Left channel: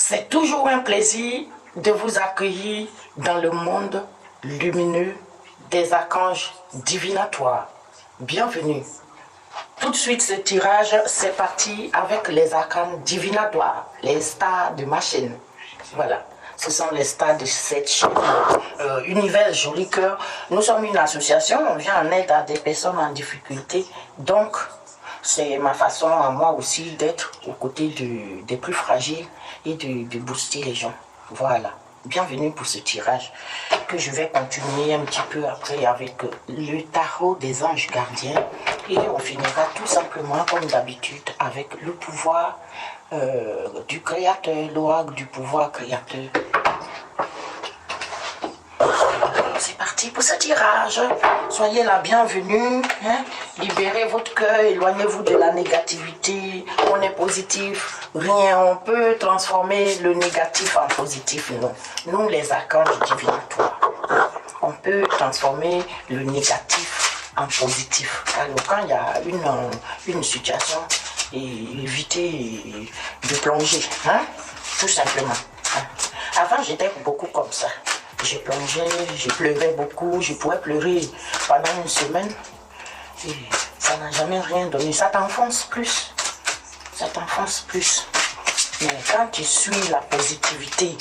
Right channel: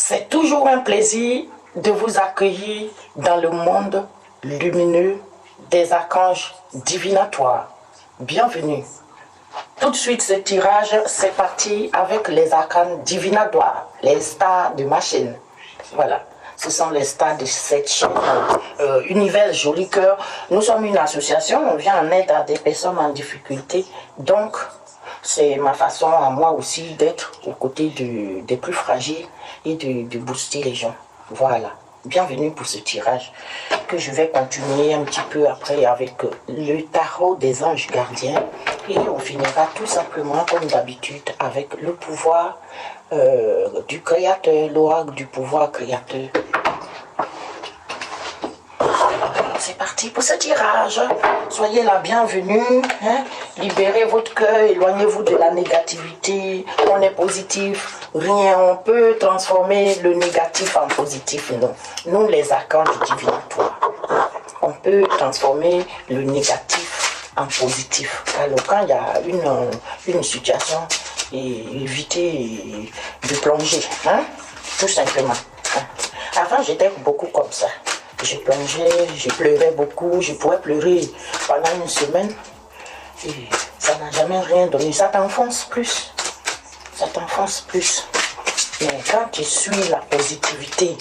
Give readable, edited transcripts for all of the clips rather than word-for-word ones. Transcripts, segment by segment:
C'est toujours un plaisir de vous accueillir dans le monde lumineux des archanges divinatoires. Bienvenue. Tout de suite, ce tirage, c'est parti avec les arcanes divinatoires, les stars de ma chaîne. Voilà, ce sont les stars de cette chaîne Univers Joli Cœur. Nous sommes une association, on vient en aide à des personnes en difficulté. Donc, c'est ma façon à moi aussi d'être aux côtés des plus fragiles et de booster les gens. Voilà. Bienvenue pour ce tirage que je vais continuer un petit peu après avec le tarot des anges gardiens et on finira tout simplement comme d'habitude avec le pouvoir du créateur, l'oracle du pouvoir créateur. C'est parti pour ce tirage. Soyez la bienvenue. Hein? Libérez votre cœur, éloignez-vous de la négativité. On est positif. Rien, on peut transformer le négatif en positif. Non. Nous, les archanges divinatoires, on peut transformer le négatif en positif. Alors, quand il y a une situation, évitez de plonger. Hein? Tout simplement. Hein? Avant, j'étais beaucoup comme ça. Je plongeais, je pleurais beaucoup, je pouvais pleurer pendant une semaine. Et ça n'a jamais rien donné. Ça t'enfonce plus. Ça t'enfonce plus. Mais quand tu suis la positivité,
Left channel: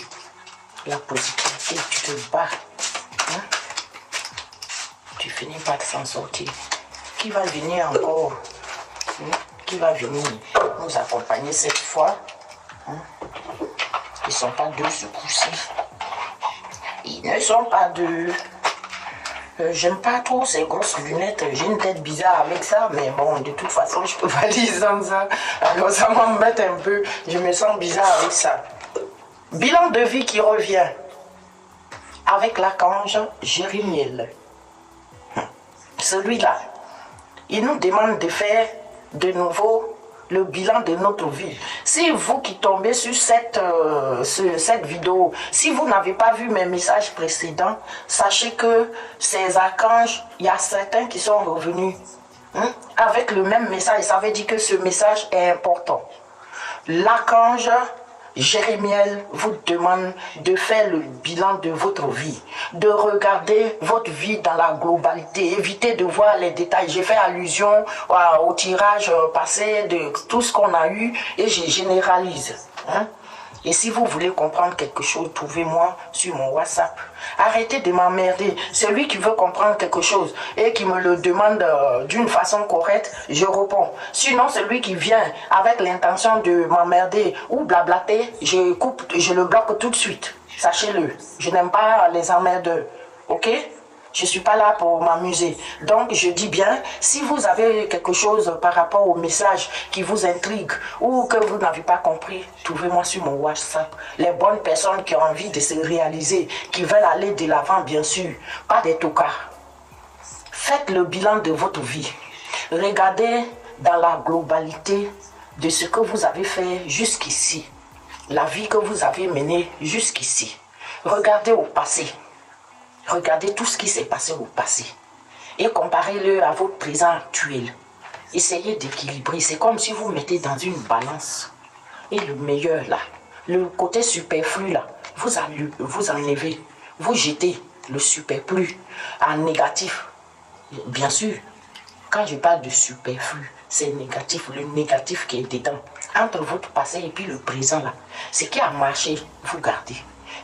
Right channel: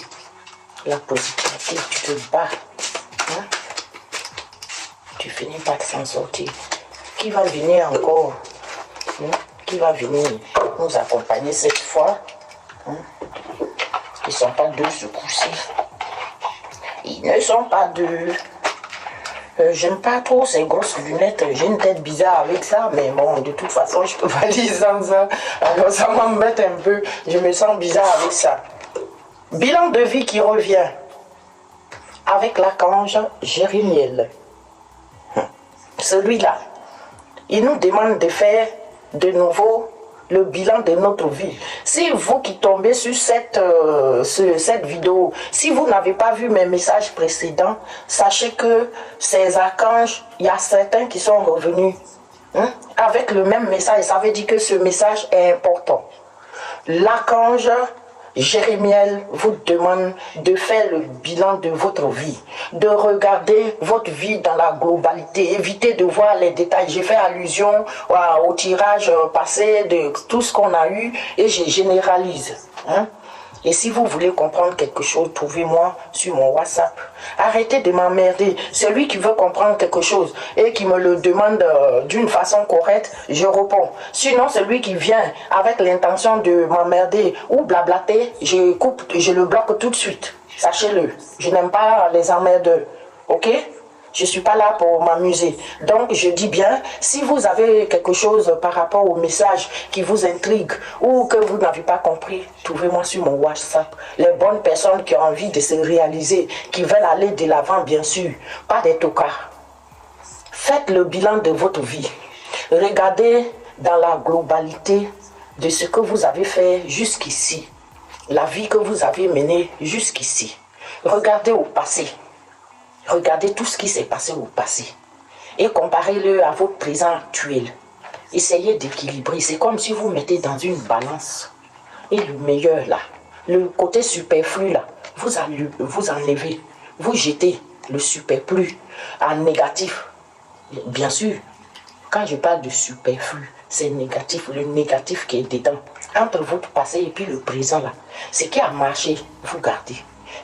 tu te bats. Hein? Tu finis par s'en sortir. Qui va venir encore? Hein? Qui va venir nous accompagner cette fois? Hein? Ils ne sont pas deux ce coup-ci. Ils ne sont pas deux. J'aime pas trop ces grosses lunettes. J'ai une tête bizarre avec ça. Mais bon, de toute façon, je peux pas lire sans ça. Alors ça m'embête un peu. Je me sens bizarre avec ça. Bilan de vie qui revient. Avec l'archange Jérémiel. Celui-là. Il nous demande de faire de nouveau le bilan de notre vie. Si vous qui tombez sur cette vidéo, si vous n'avez pas vu mes messages précédents, sachez que ces archanges, il y a certains qui sont revenus hein, avec le même message. Ça veut dire que ce message est important. L'archange Jérémiel vous demande de faire le bilan de votre vie, de regarder votre vie dans la globalité, évitez de voir les détails. J'ai fait allusion au tirage passé de tout ce qu'on a eu et je généralise. Hein? Et si vous voulez comprendre quelque chose, trouvez-moi sur mon WhatsApp. Arrêtez de m'emmerder. Celui qui veut comprendre quelque chose et qui me le demande d'une façon correcte, je réponds. Sinon, celui qui vient avec l'intention de m'emmerder ou blablater, je coupe, je le bloque tout de suite. Sachez-le. Je n'aime pas les emmerdeurs. Ok? Je ne suis pas là pour m'amuser. Donc, je dis bien, si vous avez quelque chose par rapport au message qui vous intrigue ou que vous n'avez pas compris, trouvez-moi sur mon WhatsApp. Les bonnes personnes qui ont envie de se réaliser, qui veulent aller de l'avant, bien sûr, pas des tocards. Faites le bilan de votre vie. Regardez dans la globalité de ce que vous avez fait jusqu'ici. La vie que vous avez menée jusqu'ici. Regardez au passé. Regardez tout ce qui s'est passé au passé et comparez-le à votre présent actuel. Essayez d'équilibrer. C'est comme si vous mettez dans une balance. Et le meilleur là, le côté superflu là, vous enlevez, vous jetez le superflu en négatif. Bien sûr, quand je parle de superflu, c'est négatif, le négatif qui est dedans. Entre votre passé et puis le présent là, ce qui a marché, vous gardez.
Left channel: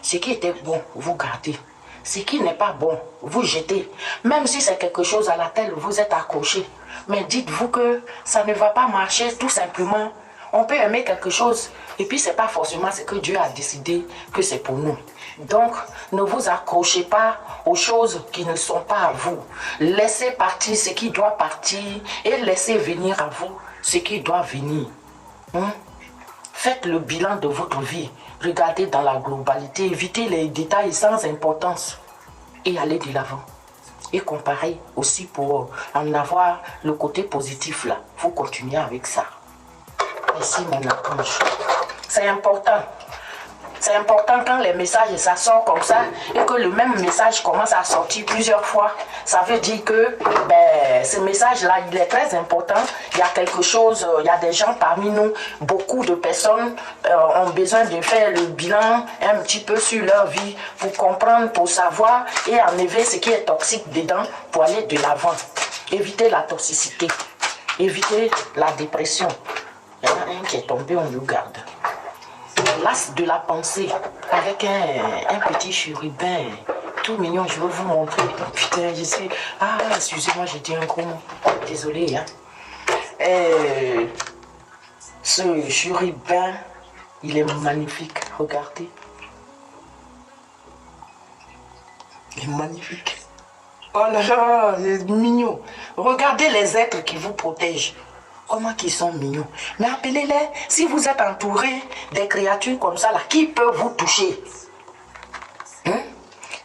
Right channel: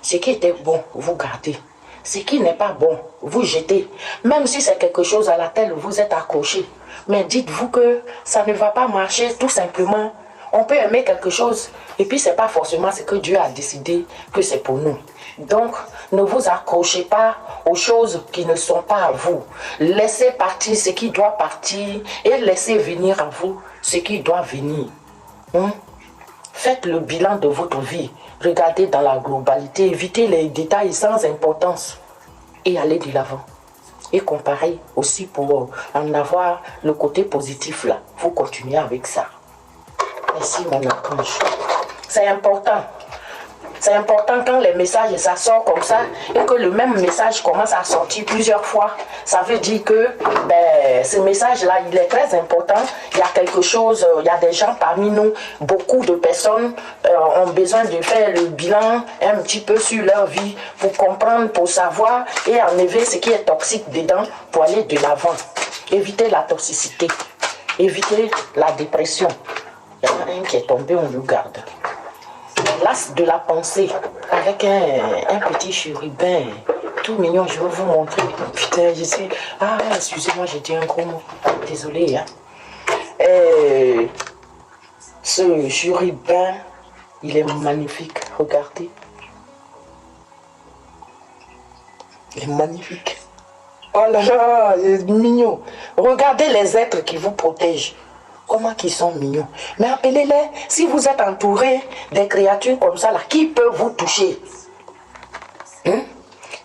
Ce qui était bon, vous gardez. Ce qui n'est pas bon, vous jetez. Même si c'est quelque chose à laquelle vous êtes accroché. Mais dites-vous que ça ne va pas marcher tout simplement. On peut aimer quelque chose et puis c'est pas forcément ce que Dieu a décidé que c'est pour nous. Donc, ne vous accrochez pas aux choses qui ne sont pas à vous. Laissez partir ce qui doit partir et laissez venir à vous ce qui doit venir. Faites le bilan de votre vie. Regardez dans la globalité, évitez les détails sans importance et allez de l'avant. Et comparez aussi pour en avoir le côté positif là. Vous continuez avec ça. Merci mon archange. C'est important. C'est important quand les messages, ça sort comme ça, et que le même message commence à sortir plusieurs fois. Ça veut dire que ce message-là, il est très important. Il y a quelque chose, il y a des gens parmi nous, beaucoup de personnes ont besoin de faire le bilan un petit peu sur leur vie pour comprendre, pour savoir et enlever ce qui est toxique dedans pour aller de l'avant. Éviter la toxicité, éviter la dépression. Il y en a un qui est tombé, on le garde. L'as de la pensée avec un petit chérubin tout mignon, je vais vous montrer. Putain, je sais. Ah, excusez-moi, j'ai dit un gros mot. Désolé. Hein. Ce chérubin, il est magnifique. Regardez. Il est magnifique. Oh là là, il est mignon. Regardez les êtres qui vous protègent. Comment qu'ils sont mignons. Mais appelez-les, si vous êtes entouré des créatures comme ça, là, qui peut vous toucher?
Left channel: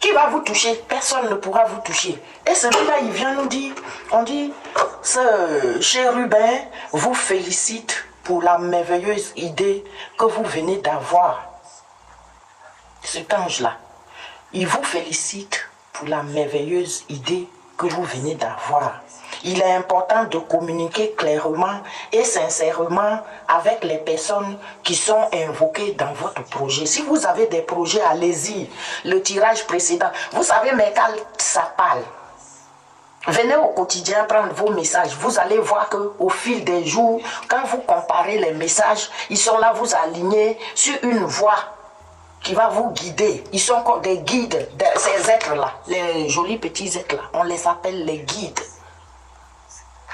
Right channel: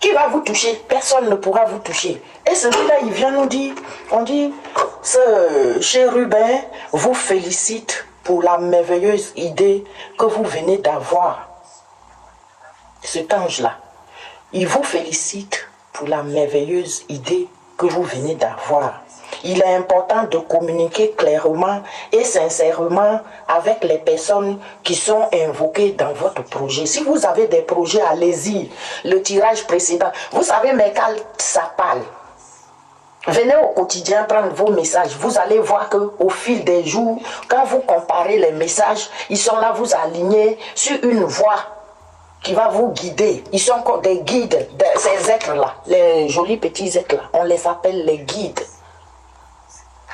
Qui va vous toucher? Personne ne pourra vous toucher. Et celui-là, il vient nous dire, on dit, ce chérubin vous félicite pour la merveilleuse idée que vous venez d'avoir. Cet ange-là, il vous félicite pour la merveilleuse idée que vous venez d'avoir. Il est important de communiquer clairement et sincèrement avec les personnes qui sont invoquées dans votre projet. Si vous avez des projets, allez-y. Le tirage précédent, vous savez, mais quand ça parle, venez au quotidien prendre vos messages. Vous allez voir qu'au fil des jours, quand vous comparez les messages, ils sont là, vous alignez sur une voie qui va vous guider. Ils sont comme des guides, ces êtres-là, les jolis petits êtres-là. On les appelle les guides.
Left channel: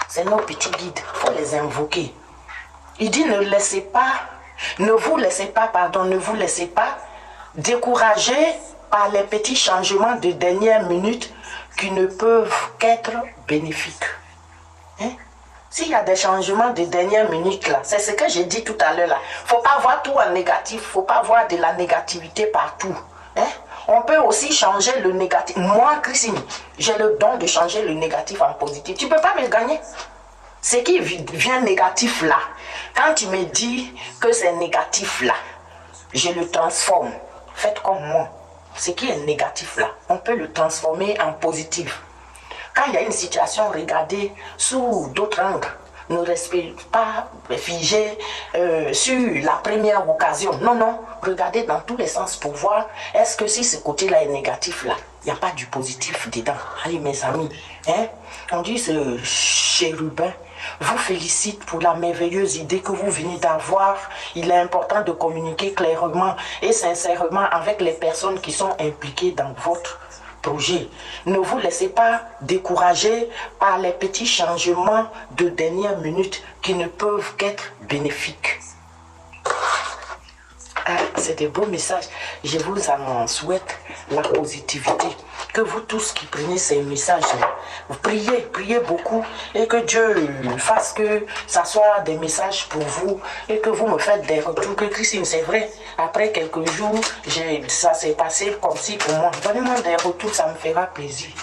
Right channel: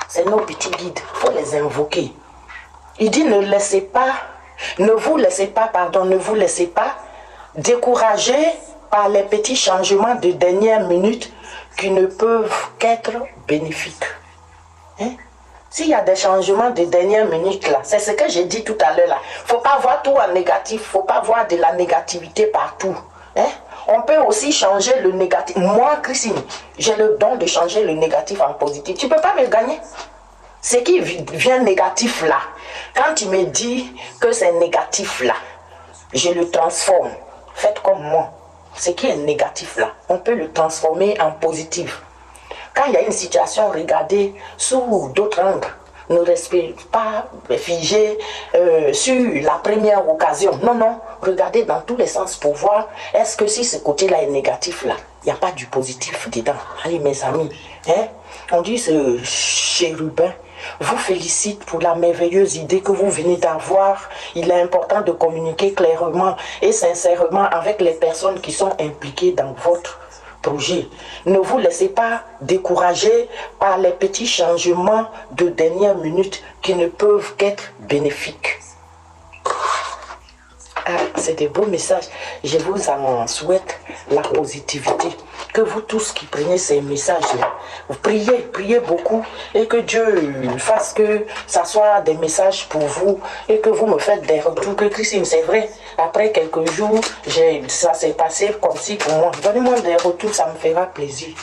C'est nos petits guides, il faut les invoquer. Il dit ne vous laissez pas décourager par les petits changements de dernière minute qui ne peuvent qu'être bénéfiques. Hein? S'il y a des changements de dernière minute là, c'est ce que j'ai dit tout à l'heure là. Il ne faut pas voir tout en négatif, il ne faut pas voir de la négativité partout. Hein? On peut aussi changer le négatif. Moi, Christine, j'ai le don de changer le négatif en positif. Tu ne peux pas me gagner. Ce qui vient négatif là, quand tu me dis que c'est négatif là, je le transforme. Faites comme moi. Ce qui est négatif là, on peut le transformer en positif. Quand il y a une situation, regardez sous d'autres angles. Ne restez pas figé sur la première occasion. Non, non. Regardez dans tous les sens pour voir est-ce que si ce côté-là est négatif là, il n'y a pas du positif dedans. Allez mes amis, hein? On dit ce chérubin vous félicite pour la merveilleuse idée que vous venez d'avoir. Il est important de communiquer clairement et sincèrement avec les personnes qui sont impliquées dans votre projet. Ne vous laissez pas décourager par les petits changements de dernière minute qui ne peuvent qu'être bénéfiques. Ah, c'est des beaux messages. Je vous en souhaite la positivité. Que vous tous qui prenez ces messages-là, vous priez beaucoup et que Dieu fasse que ça soit des messages pour vous et que vous me faites des retours. Que Christine, c'est vrai, après quelques jours, ça s'est passé comme si pour moi. Donnez-moi des retours, ça me fera plaisir.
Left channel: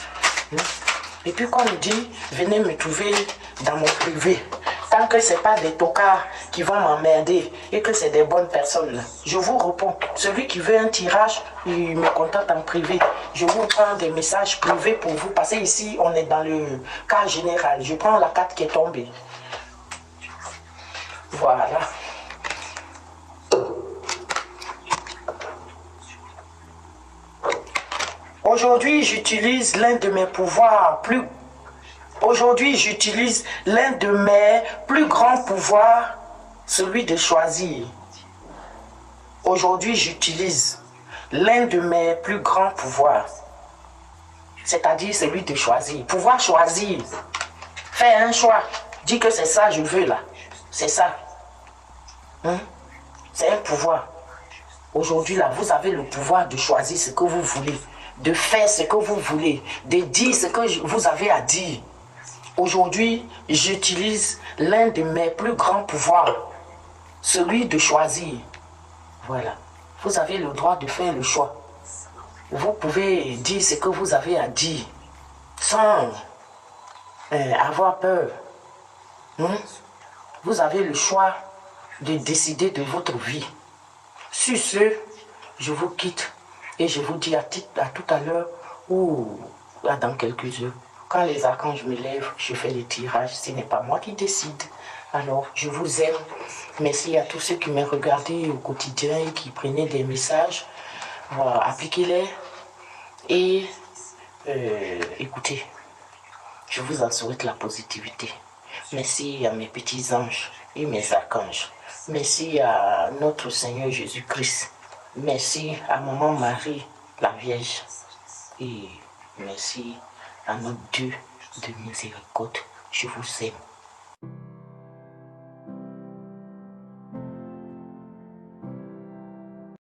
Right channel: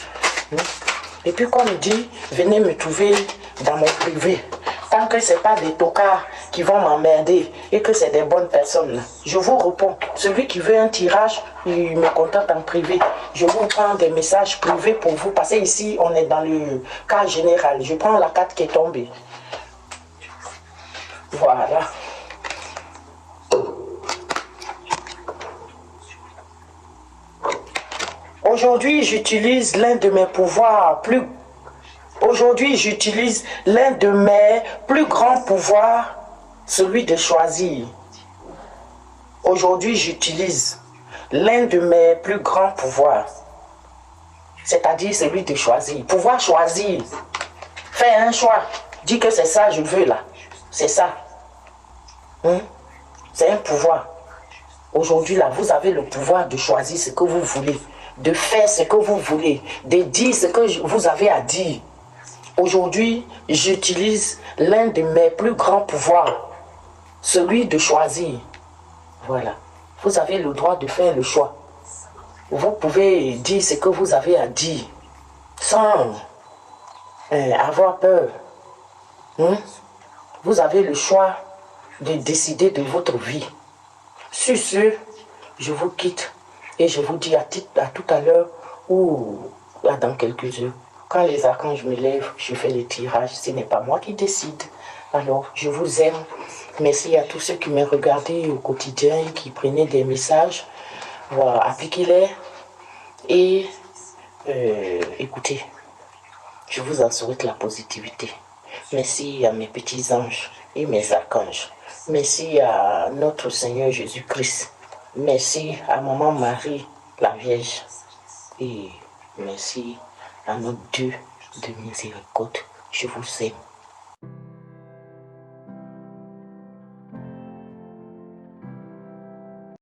Et puis comme dit, venez me trouver dans mon privé. Tant que ce n'est pas des tocards qui vont m'emmerder et que c'est des bonnes personnes, je vous réponds. Celui qui veut un tirage, il me contacte en privé. Je vous prends des messages privés pour vous. Parce que ici, on est dans le cas général. Je prends la carte qui est tombée. Voilà. Aujourd'hui, j'utilise l'un de mes pouvoirs plus... Aujourd'hui, j'utilise l'un de mes plus grands pouvoirs, celui de choisir. Aujourd'hui, j'utilise l'un de mes plus grands pouvoirs, c'est-à-dire celui de choisir. Pouvoir choisir, faire un choix, dire que c'est ça, je veux là, c'est ça. C'est un pouvoir. Aujourd'hui, là, vous avez le pouvoir de choisir ce que vous voulez, de faire ce que vous voulez, de dire ce que vous avez à dire. Aujourd'hui, j'utilise l'un de mes plus grands pouvoirs, celui de choisir. Voilà. Vous avez le droit de faire le choix. Vous pouvez dire ce que vous avez à dire sans avoir peur. Vous avez le choix de décider de votre vie. Sur ce, je vous quitte et je vous dis à tout à l'heure ou dans quelques heures. Quand les archanges me lèvent, je fais les tirages. Ce n'est pas moi qui décide. Alors, je vous aime. Merci à tous ceux qui m'ont regardé au quotidien, qui prenaient des messages. Voilà, appliquez-les et écoutez, je vous en souhaite la positivité. Merci à mes petits anges et mes archanges. Merci à notre Seigneur Jésus-Christ. Merci à Maman Marie, la Vierge. Et merci à notre Dieu de miséricorde. Je vous aime.